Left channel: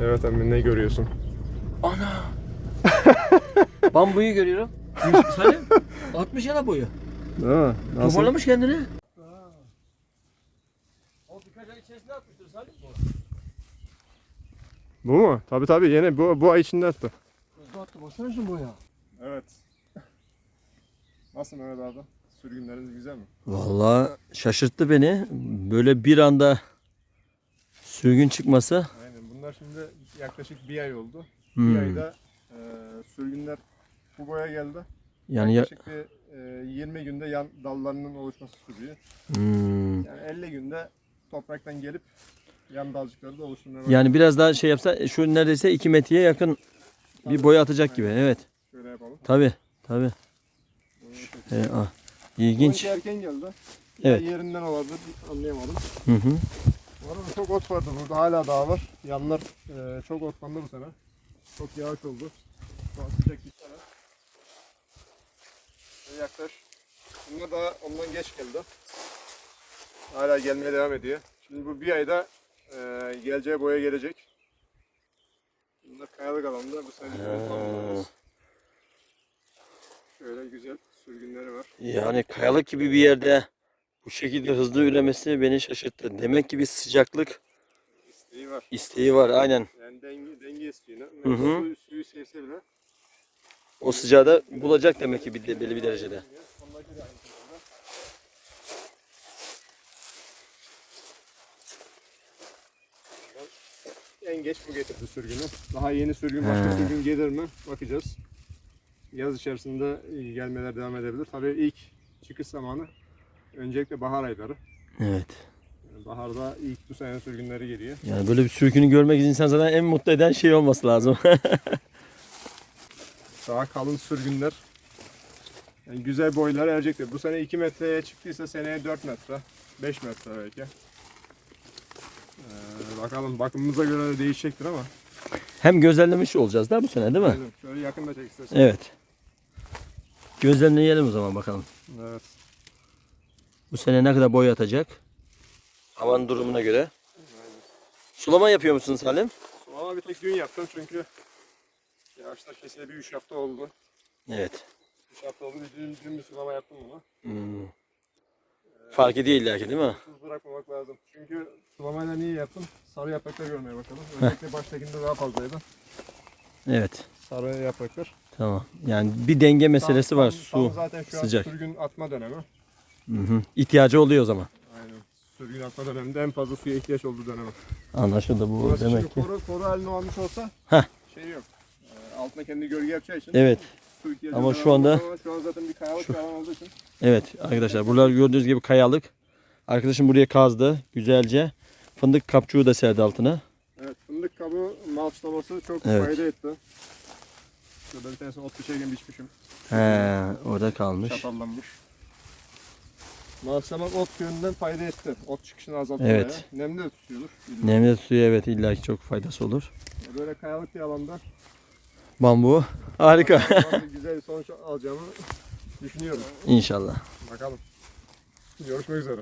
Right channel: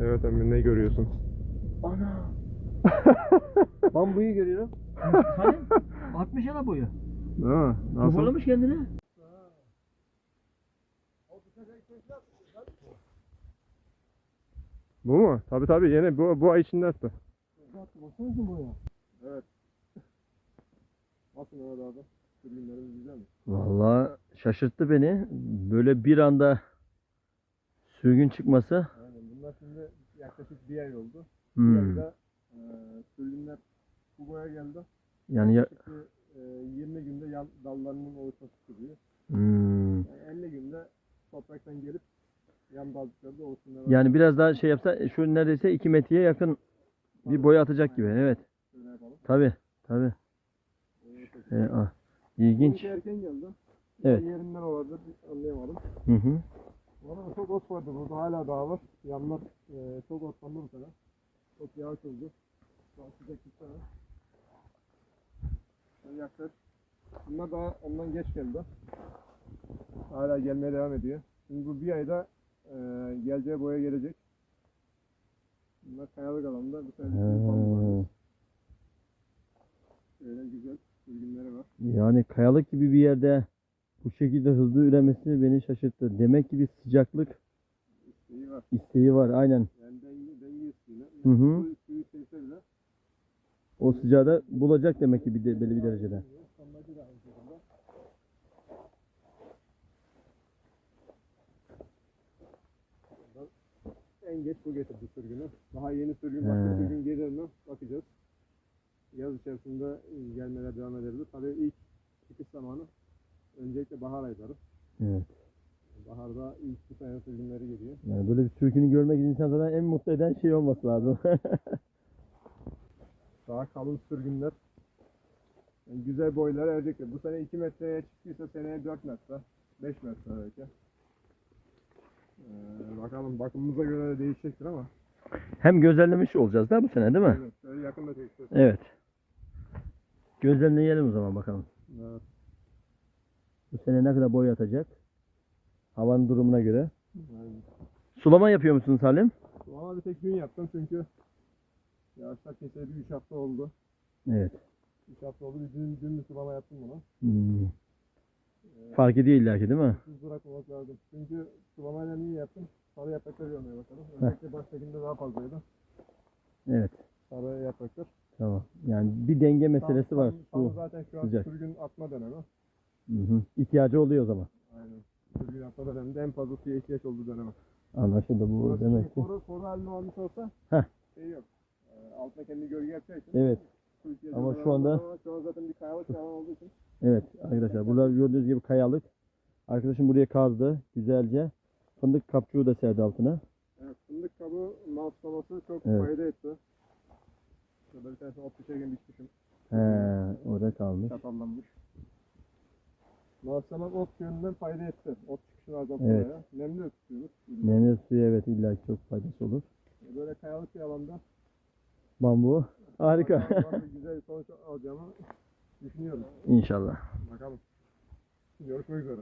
Evet emmi ne görüyorsun? Ana. Bambuyu görüyorum. Salim 60 yana boyu. Ha, nasıl? Toparlamış kendini. Bu mu? Tabi tabi yine bu, bu ay içinde attı. Hızlı attı baksana şu boya. Evet. Nasıl Mehmet abi? Sürgünleriniz güzel mi? Vallahi şaşırttı beni. Böyle bir anda sürgün çıkması. Şimdi yaklaşık bir ay oldu. Hmm. Bir ayda e, sürgünler bu boya geldi. Yani ya, Yaklaşık bir e, 20 günde yan dallarının oluşması sürüyor. Hmm. Yani 50 günde topraktan gelip yan dalcıkları da oluşturmaya yani biraz daha şey yapsa şu neredeyse 2 metreye yakın bir boya atacak gibi. Evet. Şöyle yapalım. Tabi. Tabi. Boyayı Ee, ah, ilginç. Erken geldi. Evet. Ya yerinden olabilir anlayamadım. Hı hı. Bu arada çok ot vardı burada hala daha var. Yanlar e, çok otlandı bu sene. Çok yağış oldu. Şu an sıcak bir sene. Şöyle yaklaş. Bunlar daha ondan geç geldi. Hala gelmeye devam ediyor. Şimdi bu bir ayda e, geleceği boya gelecek. Bunlar kayalık alanda bu sene tamamlarımız. Şöyle güzel sürgünleri var. Yani kayalık gibi bir yerde bu şekilde hızlı üremesi beni şaşırttı. Demek ki bir sıcaklık İsteği var. isteği var. Aynen. Yani denge, denge istiyor. Hı hı. Suyu, suyu sevse bile O sıcağı da bulacak demek ki bir de, belli bir derecede. En geç bu getirdi sürgünü. Daha yeni sürgün başka He. sürgün gelir mi? Bakacağız. Yaz içerisinde gelmeler devam edebilir. Tabii ilk çıkış zamanı öncelikle bahar ayları. Evet. Baharda ilk bu sene sürgünleri geliyor. Yani böyle bir sürgünü görmek insan zaten en mutlu eden şey olması lazım. Daha kalın sürgünler. Yani güzel boylar erecektir. Bu sene 2 metreye çıktıysa seneye 4 metre, 5 metre belki. Ee, bakalım bakımımıza göre de değişecektir ama. Hem gözlemlemiş olacağız da bu sene değil mi? Şöyle yakında çek istersen. Evet. Gözlemleyelim o zaman bakalım. Evet. Bu sene ne kadar boy atacak? Havanın durumuna göre. Sulama yapıyor musun Salim? Sulama bir tek dün yaptım çünkü yağışlar keseli bir 3 hafta oldu. Evet. 3 hafta oldu. Bir Dün, dün bir sulama yaptım bunu. Hmm. Fark ediyor illa ki değil mi? Tuz bırakmamak lazım. Çünkü sulamayla niye yaptım? Sarı yapraklar görmeye bakalım. Özellikle baştakinde daha fazlaydı. Evet. Sarı yapraklar. Tamam. Yani bir denge meselesi Tam- var. tam- Su. tam zaten şu sıcak. an sürgün atma dönemi. Hı hı. İhtiyacı oluyor o zaman. Aynen. Sürgün atma döneminde en fazla suya ihtiyaç olduğu dönem. Anlaşıldı bu Burası demek ki. koru, koru haline almış olsa Heh. şey yok. Ee, altına kendi gölge yapacağı için Evet. su ihtiyacı Ama şu anda- olmaz şu an zaten bir kayalık Şu- alan olduğu için Evet arkadaşlar buralar gördüğünüz gibi kayalık. Arkadaşım buraya kazdı güzelce. Fındık kapçuğu da serdi altına. evet, fındık kabuğu malçlaması çok Evet. fayda etti. Şurada bir tanesini ot biçerken biçmişim. He, orada kalmış. Çatallanmış. Malçlamak ot yönünden fayda etti. Ot çıkışını azalttı Evet. Nemli de tutuyordur. Nemli suyu evet illaki çok faydası olur. Böyle kayalık bir alanda Bambu harika. bazı güzel sonuç alacağımı düşünüyorum. İnşallah. Bakalım. Görüşmek üzere.